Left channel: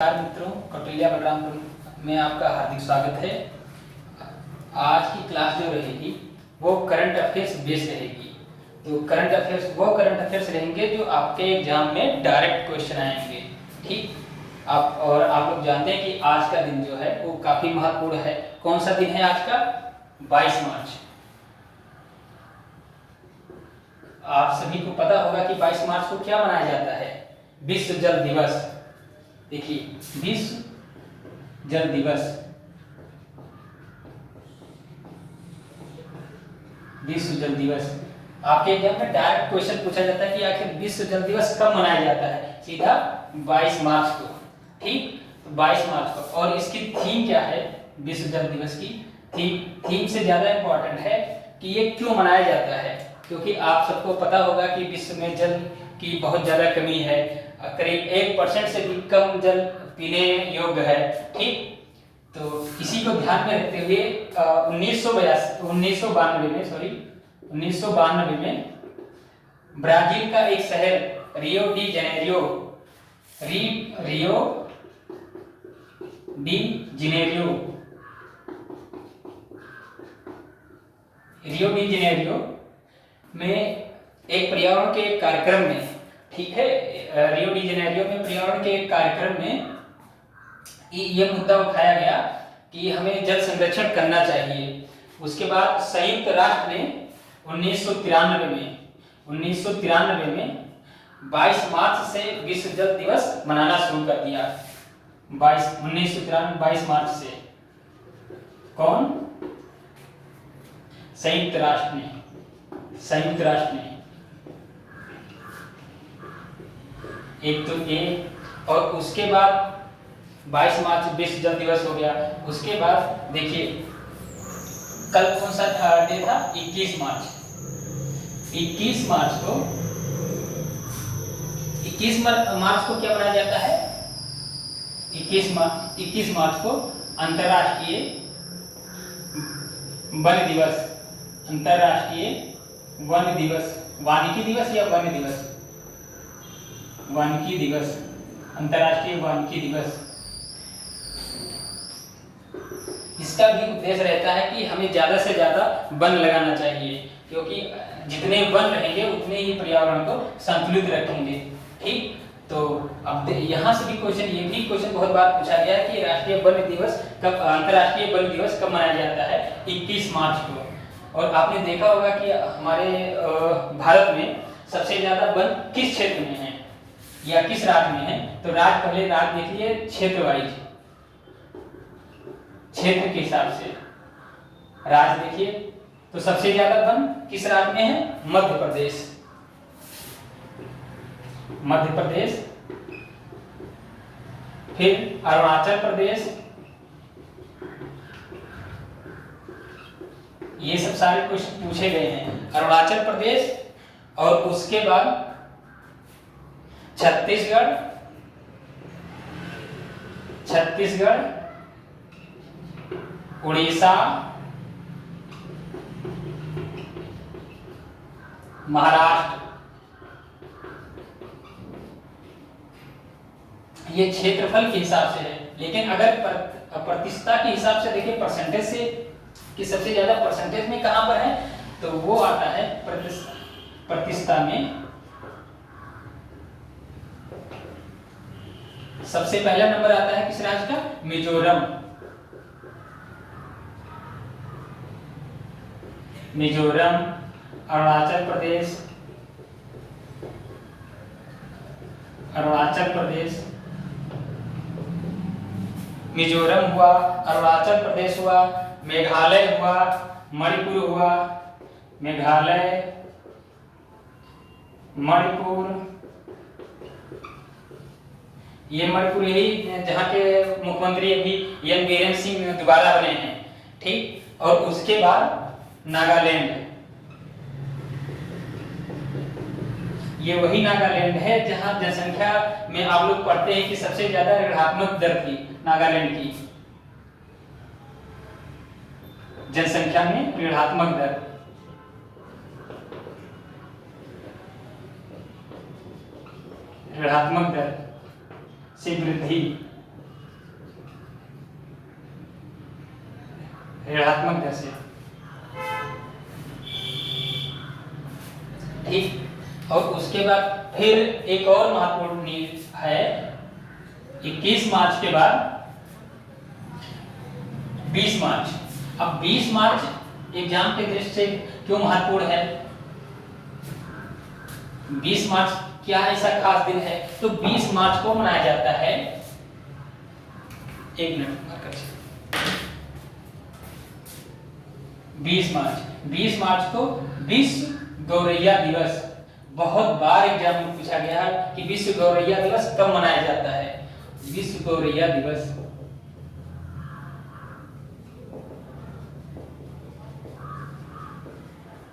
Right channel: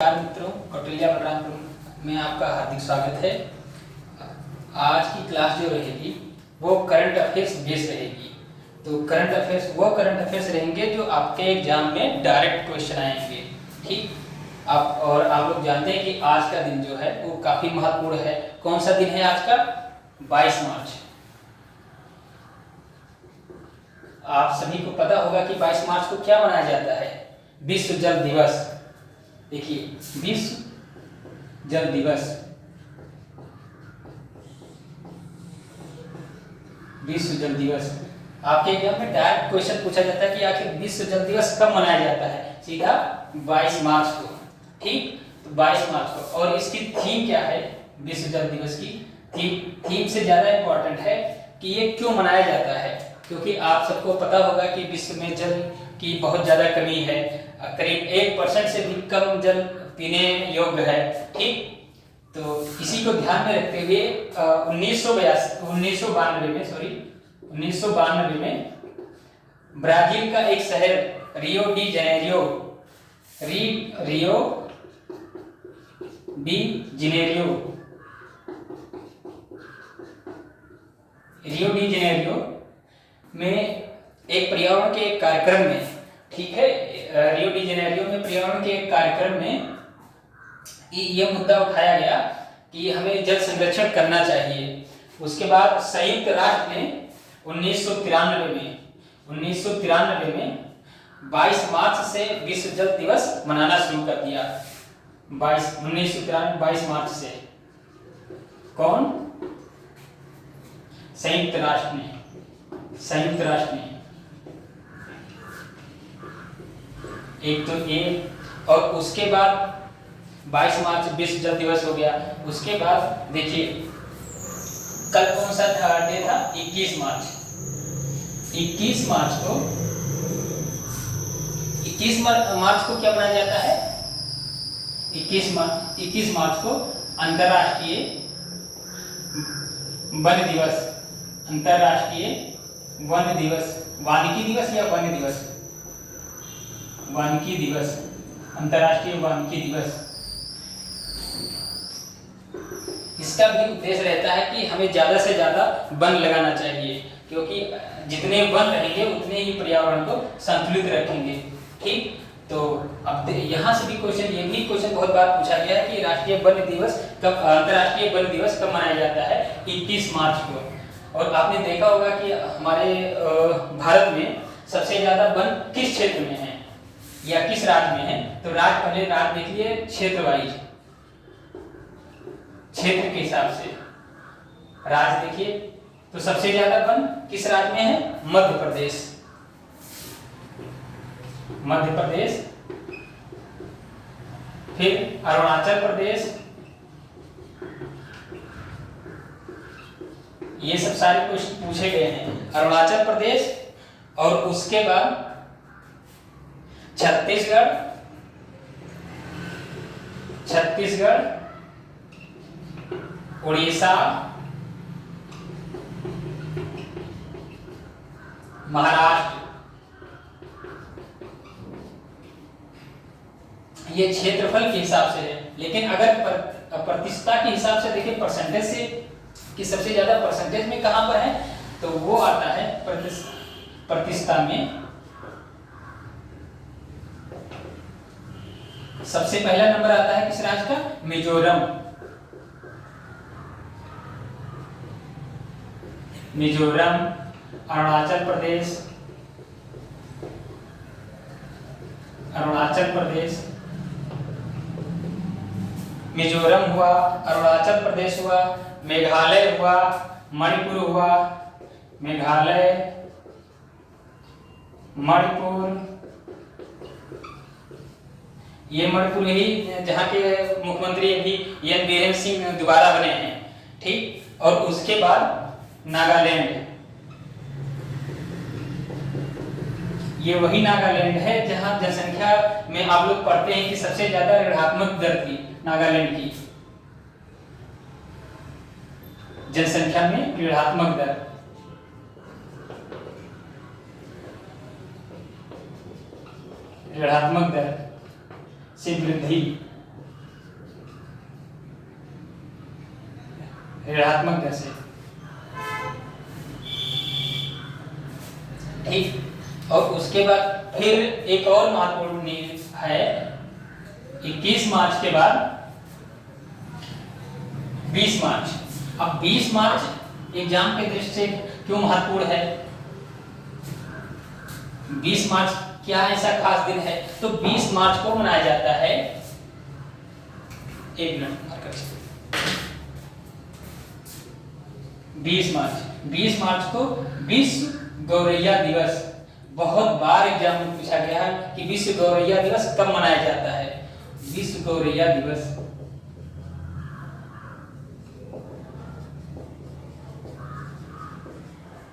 नमस्कार मित्रों, कौटिल्य बलरामपुर में आपका हार्दिक स्वागत है। आज की क्लास जो रहेगी वो करंट अफेयर्स बेस्ड रहेगी। तो करंट अफेयर्स रहेंगे जो आपके एग्जाम में डायरेक्ट क्वेश्चन आएंगे। ठीक, आप लोग जानते हैं कि आज का दिन जो है वो काफी महत्वपूर्ण है। कौन सा दिन है आज का? 22 मार्च। आप सभी को पता होगा कि 22 मार्च को क्या मनाया जाता है? विश्व जल दिवस। देखिए, विश्व जल दिवस, विश्व जल दिवस। आपके एग्जाम में डायरेक्ट क्वेश्चन पूछा जाता है कि आखिर विश्व जल दिवस कब मनाया जाता है? सीधा 22 मार्च को। ठीक, तो 22 मार्च को। और इसकी थीम क्या है? विश्व जल दिवस की थीम से ज्यादा इंपॉर्टेंट है कि ये क्यों मनाया जाता है, क्योंकि आप सबको पता होगा कि विश्व में जल की बहुत ज्यादा कमी है। करीब 1% से भी कम जल पीने योग्य है। ठीक, तो इसी को ध्यान में रखते हुए 1992 में ब्राजील का एक शहर रियो डी जेनेरियो में एक पर्यावरण के एक कार्यक्रम में, ठीक है, रियो डी जेनेरियो में पर्यावरण के एक कार्यक्रम में ये मुद्दा उठाया गया कि हमें जल संरक्षण करना चाहिए। उसके बाद संयुक्त राष्ट्र ने 1993 में 22 मार्च से विश्व जल दिवस मनाना शुरू कर दिया। 1993 22 मार्च से। कौन? संयुक्त राष्ट्र ने। एक तो ये, और उसके बाद 22 मार्च विश्व जल दिवस हो गया। उसके बाद देखिए, कल कौन सा डे था? 21 मार्च। 21 मार्च को क्या मनाया जाता है? 21 मार्च को अंतर्राष्ट्रीय वन दिवस। अंतर्राष्ट्रीय वन दिवस, वानिकी दिवस या वन दिवस? वानिकी दिवस, अंतर्राष्ट्रीय वानिकी दिवस। इसका भी उद्देश्य रहता है कि हमें ज्यादा से ज्यादा वन लगाना चाहिए, क्योंकि जितने वन रहेंगे उतने ही पर्यावरण को संतुलित रखेंगे। ठीक, तो अब यहाँ से भी क्वेश्चन, ये भी क्वेश्चन बहुत बार पूछा गया है कि राष्ट्रीय वन दिवस कब, अंतर्राष्ट्रीय वन दिवस कब मनाया जाता है? 21 मार्च को। और आपने देखा होगा कि हमारे भारत में सबसे ज्यादा वन किस क्षेत्र में है या किस राज्य में है? तो पहले राज्य देखिए, क्षेत्र वाइज, क्षेत्र के हिसाब से राज्य देखिए। तो सबसे ज्यादा वन किस राज्य में है? मध्य प्रदेश। फिर अरुणाचल प्रदेश। ये सब सारे क्वेश्चन पूछे गए हैं। अरुणाचल प्रदेश, और उसके बाद छत्तीसगढ़, उड़ीसा, महाराष्ट्र। ये क्षेत्रफल के हिसाब से है, लेकिन अगर प्रतिशतता के हिसाब से देखें, परसेंटेज से कि सबसे ज्यादा परसेंटेज में कहां पर है, तो वो आता है प्रतिशतता में। सबसे पहला नंबर आता है किस राज्य का? मिजोरम। अरुणाचल प्रदेश, मिजोरम हुआ, अरुणाचल प्रदेश हुआ, मेघालय हुआ, मणिपुर हुआ, ये मणिपुर ही जहाँ के मुख्यमंत्री अभी एन बीरेन सिंह दोबारा बने हैं। ठीक, और उसके बाद नागालैंड। ये वही नागालैंड है जहां जनसंख्या में आप लोग पढ़ते हैं कि सबसे ज्यादा ऋणात्मक दर थी नागालैंड की जनसंख्या में। ऋणात्मक दर से वृद्धि ऋणात्मक दर से। ठीक, और उसके बाद फिर एक और महत्वपूर्ण न्यूज है 21 मार्च के बाद 20 मार्च। अब 20 मार्च एग्जाम के दृष्टि से क्यों महत्वपूर्ण है? 20 मार्च क्या ऐसा खास दिन है? तो 20 मार्च को मनाया जाता है, एक मिनट, 20 मार्च को विश्व गौरैया दिवस। बहुत बार एग्जाम में पूछा गया है कि विश्व गौरैया दिवस कब मनाया जाता है। विश्व गौरैया दिवस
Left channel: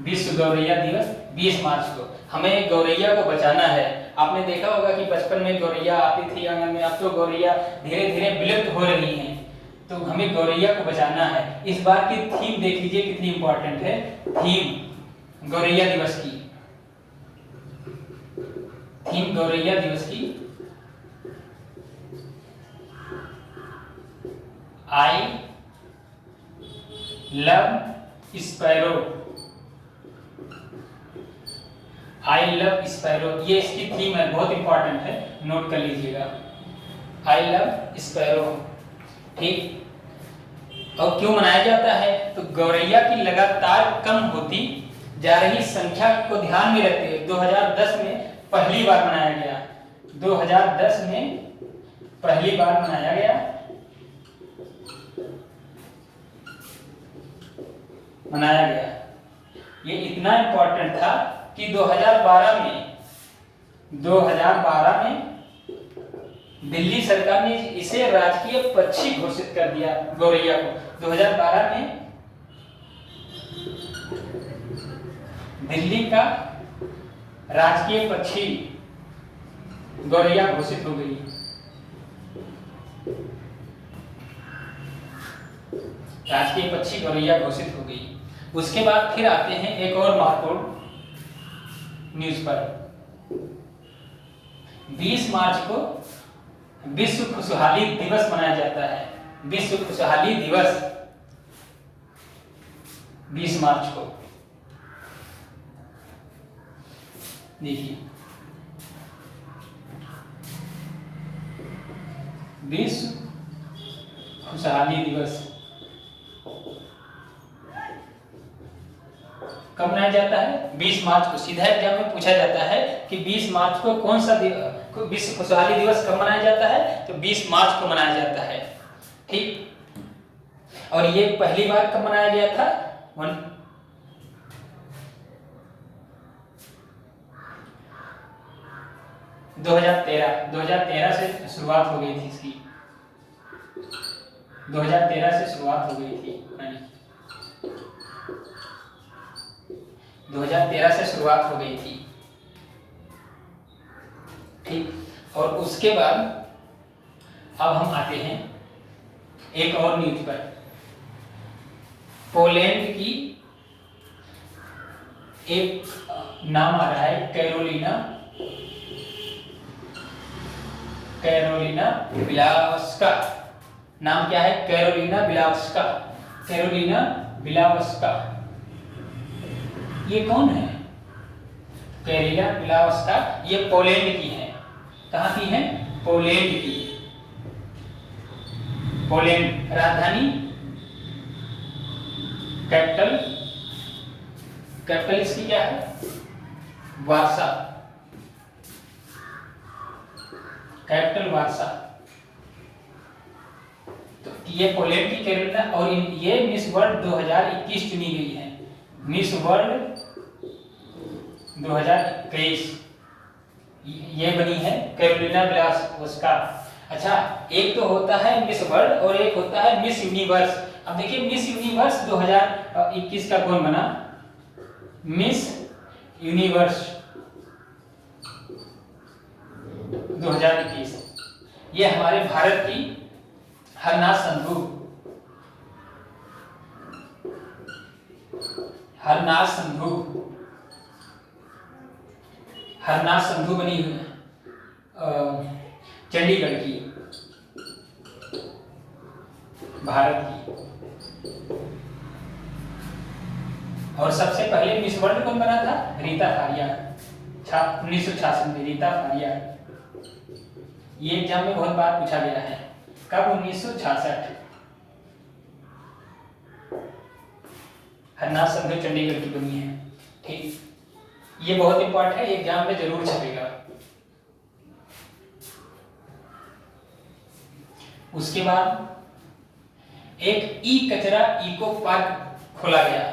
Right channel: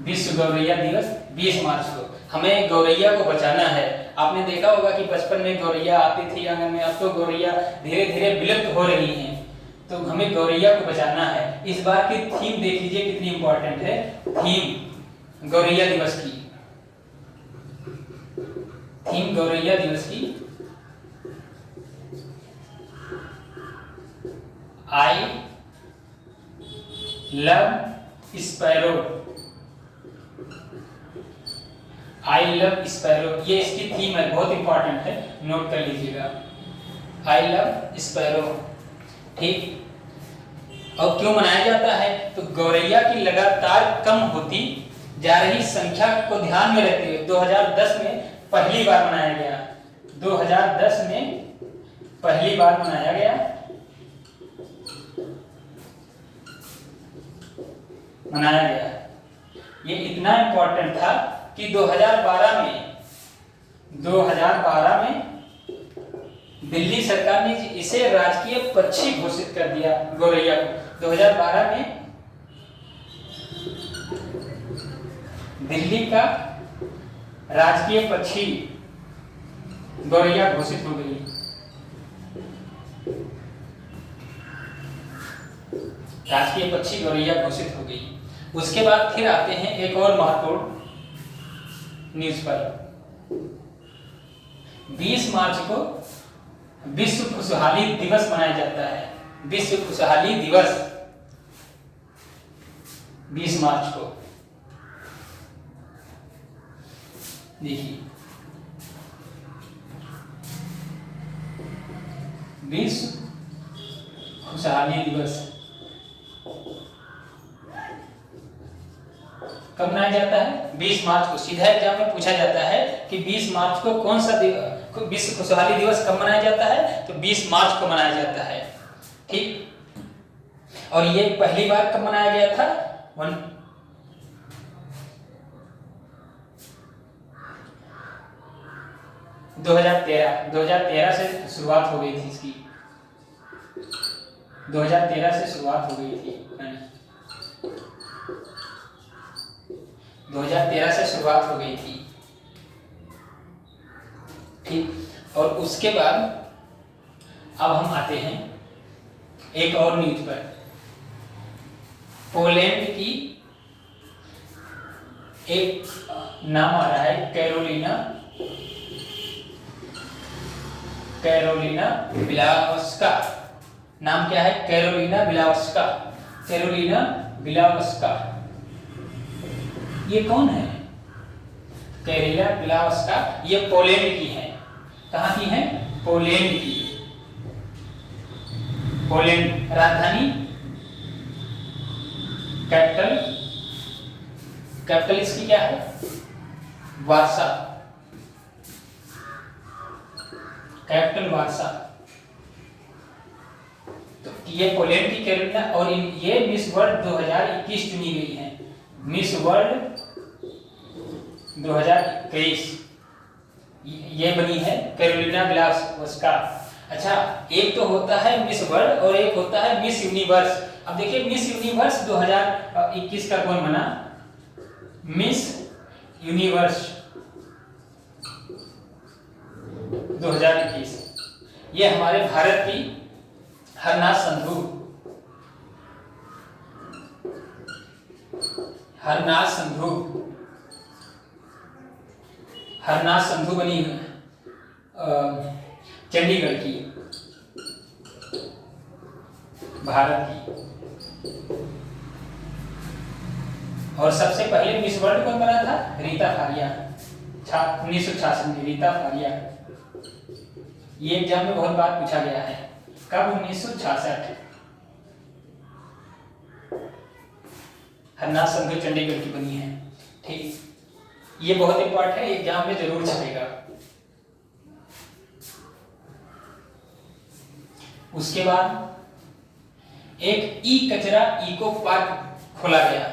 विश्व गौरैया दिवस 20 मार्च को। हमें गौरैया को बचाना है। आपने देखा होगा कि बचपन में गौरैया आती थी आंगन में, अब तो गौरैया धीरे धीरे विलुप्त हो रही हैं, तो हमें गौरैया को बचाना है। इस बार की थीम देख लीजिए कितनी इंपॉर्टेंट है, थीम गौरैया दिवस की। थीम गौरैया दिवस की I love sparrow. I love sparrow, ये इसकी थीम है, बहुत इंपॉर्टेंट है, नोट कर लीजिएगा। I love sparrow. ठीक, और क्यों मनाया जाता है? तो गौरैया की लगातार कम होती जा रही संख्या को ध्यान में रखते हुए 2010 में पहली बार मनाया गया। 2010 में पहली बार मनाया गया, मनाया गया। ये इतना इंपॉर्टेंट था कि 2012 में दिल्ली सरकार ने इसे राजकीय पक्षी घोषित कर दिया, गौरैया को। 2012 में दिल्ली का राजकीय पक्षी गौरैया घोषित हो गई। राजकीय पक्षी गौरैया घोषित हो गई। उसके बाद फिर आते हैं एक और महत्वपूर्ण न्यूज पर। 20 मार्च को विश्व खुशहाली दिवस मनाया जाता है। विश्व खुशहाली दिवस 20 मार्च को। देखिए, विश्व खुशहाली दिवस कब मनाया जाता है? 20 मार्च को। सीधा एग्जाम में पूछा जाता है कि 20 मार्च को कौन सा विश्व खुशहाली दिवस कब मनाया जाता है? तो 20 मार्च को मनाया जाता है। ठीक, और ये पहली बार कब मनाया गया था? 2013 से शुरुआत हो गई थी इसकी। 2013 से शुरुआत हो गई थी, 2013 से शुरुआत हो गई थी। ठीक, और उसके बाद अब हम आते हैं एक और न्यूज पर। पोलैंड की एक नाम आ रहा है कैरोलिना बिलावस्का। नाम क्या है? Carolina Bielawska. कैरोलिना बिलावस्का ये कौन है? कैरोलिना बिलावस्का ये पोलैंड की है। कहाँ की है? पोलैंड की। पोलैंड, राजधानी कैपिटल इसकी क्या है? वार्सा। Capital Warsaw. तो ये पोलैंड की कैरोलिना, और ये मिस वर्ल्ड 2021 चुनी गई है। मिस वर्ल्ड 2021 ये बनी है कैरोलिना बिलावस्का। अच्छा, एक तो होता है मिस वर्ल्ड और एक होता है मिस यूनिवर्स। अब देखिए, मिस यूनिवर्स 2021 का कौन बना? मिस यूनिवर्स 2021 ये हमारे भारत की हरनाज संधू। हरनाज संधू बनी हुई चंडीगढ़ की, भारत की। और सबसे पहले मिस वर्ल्ड कौन बना था? रीता फारिया, 1966 में रीता फारिया। ये एग्जाम में बहुत बार पूछा गया है। कब? 1966। हरनाथ संधू चंडीगढ़ की बनी है। ठीक, ये बहुत इंपॉर्टेंट है, एग्जाम में जरूर छपेगा। उसके बाद एक ई कचरा इको पार्क खोला गया।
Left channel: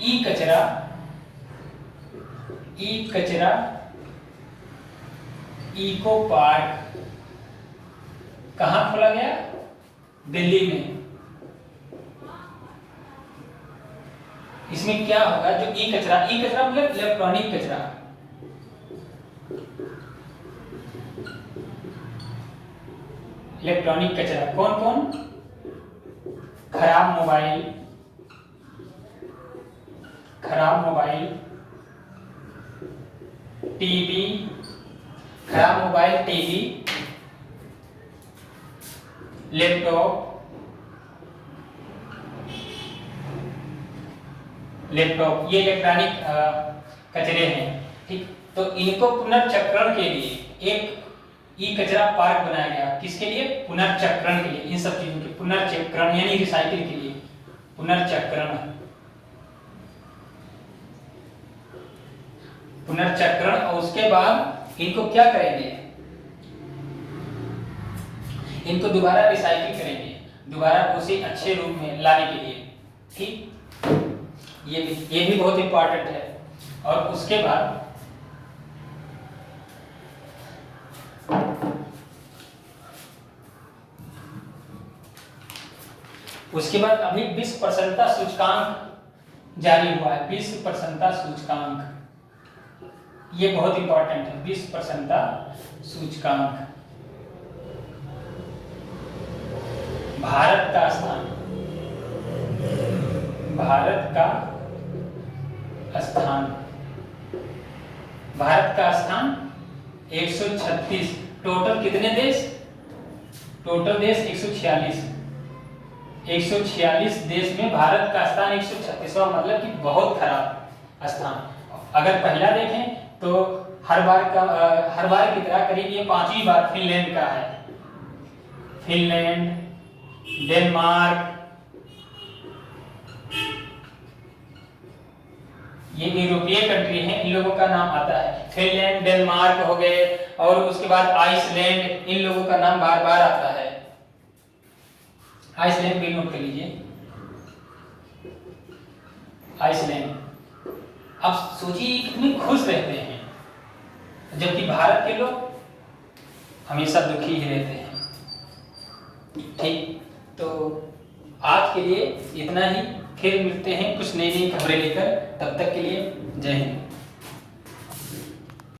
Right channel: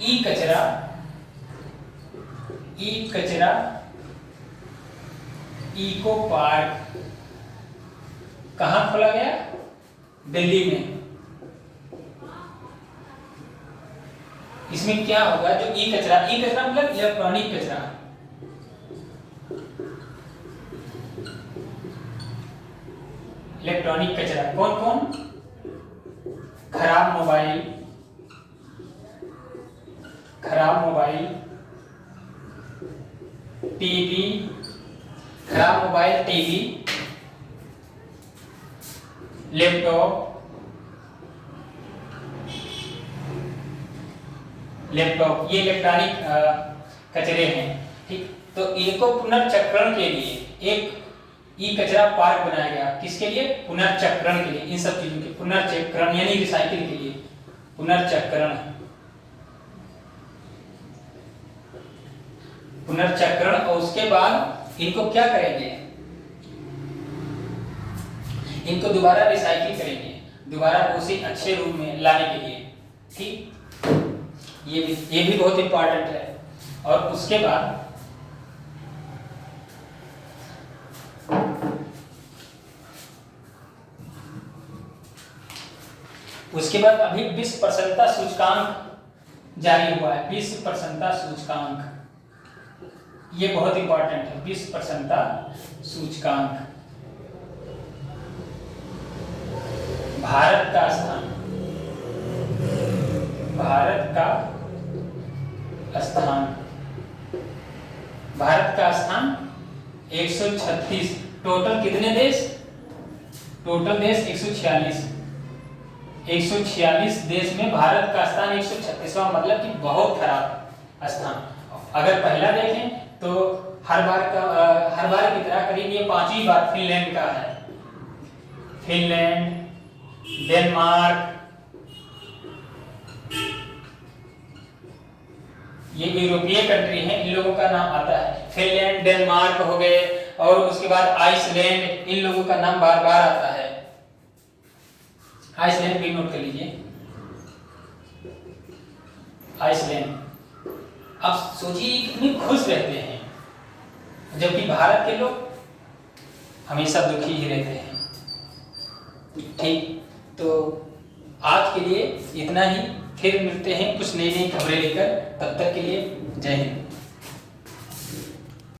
ई कचरा इको पार्क कहाँ खोला गया? दिल्ली में। इसमें क्या होगा? जो ई कचरा मतलब इलेक्ट्रॉनिक कचरा, इलेक्ट्रॉनिक कचरा कौन कौन? खराब मोबाइल, टीवी, खराब मोबाइल, टीवी, लैपटॉप, ये इलेक्ट्रॉनिक कचरे हैं। ठीक, तो इनको पुनर्चक्रण के लिए एक ई कचरा पार्क बनाया गया। किसके लिए? पुनर्चक्रण के लिए। इन सब चीजों के पुनर्चक्रण यानी रिसाइकिल के लिए, पुनर्चक्रण। और उसके बाद इनको क्या करेंगे? इनको दोबारा रिसाइकिल करेंगे, दोबारा उसी अच्छे रूप में लाने के लिए। ठीक, ये भी बहुत इंपॉर्टेंट है। और उसके बाद अभी विश्व प्रसन्नता सूचकांक जारी हुआ है। विश्व प्रसन्नता सूचकांक, ये बहुत इंपॉर्टेंट है। विश्व प्रसन्नता सूचकांक, भारत का स्थान 136। टोटल कितने देश? टोटल देश 146। 146 देश में भारत का स्थान 136वां, मतलब कि बहुत खराब स्थान। अगर पहला देखें तो हर बार की तरह करीब ये 5वीं बार फिनलैंड का है। फिनलैंड, डेनमार्क, ये यूरोपीय कंट्री है, इन लोगों का नाम आता है। फिनलैंड, डेनमार्क हो गए, और उसके बाद आइसलैंड, इन लोगों का नाम बार बार आता है। आइसलैंड भी नोट कर लीजिए, आइसलैंड। अब सोचिए कितने खुश रहते हैं, जबकि भारत के लोग हमेशा दुखी ही रहते हैं। ठीक, तो आज के लिए इतना ही। फिर मिलते हैं कुछ नई नई खबरें लेकर। तब तक के लिए जय हिंद।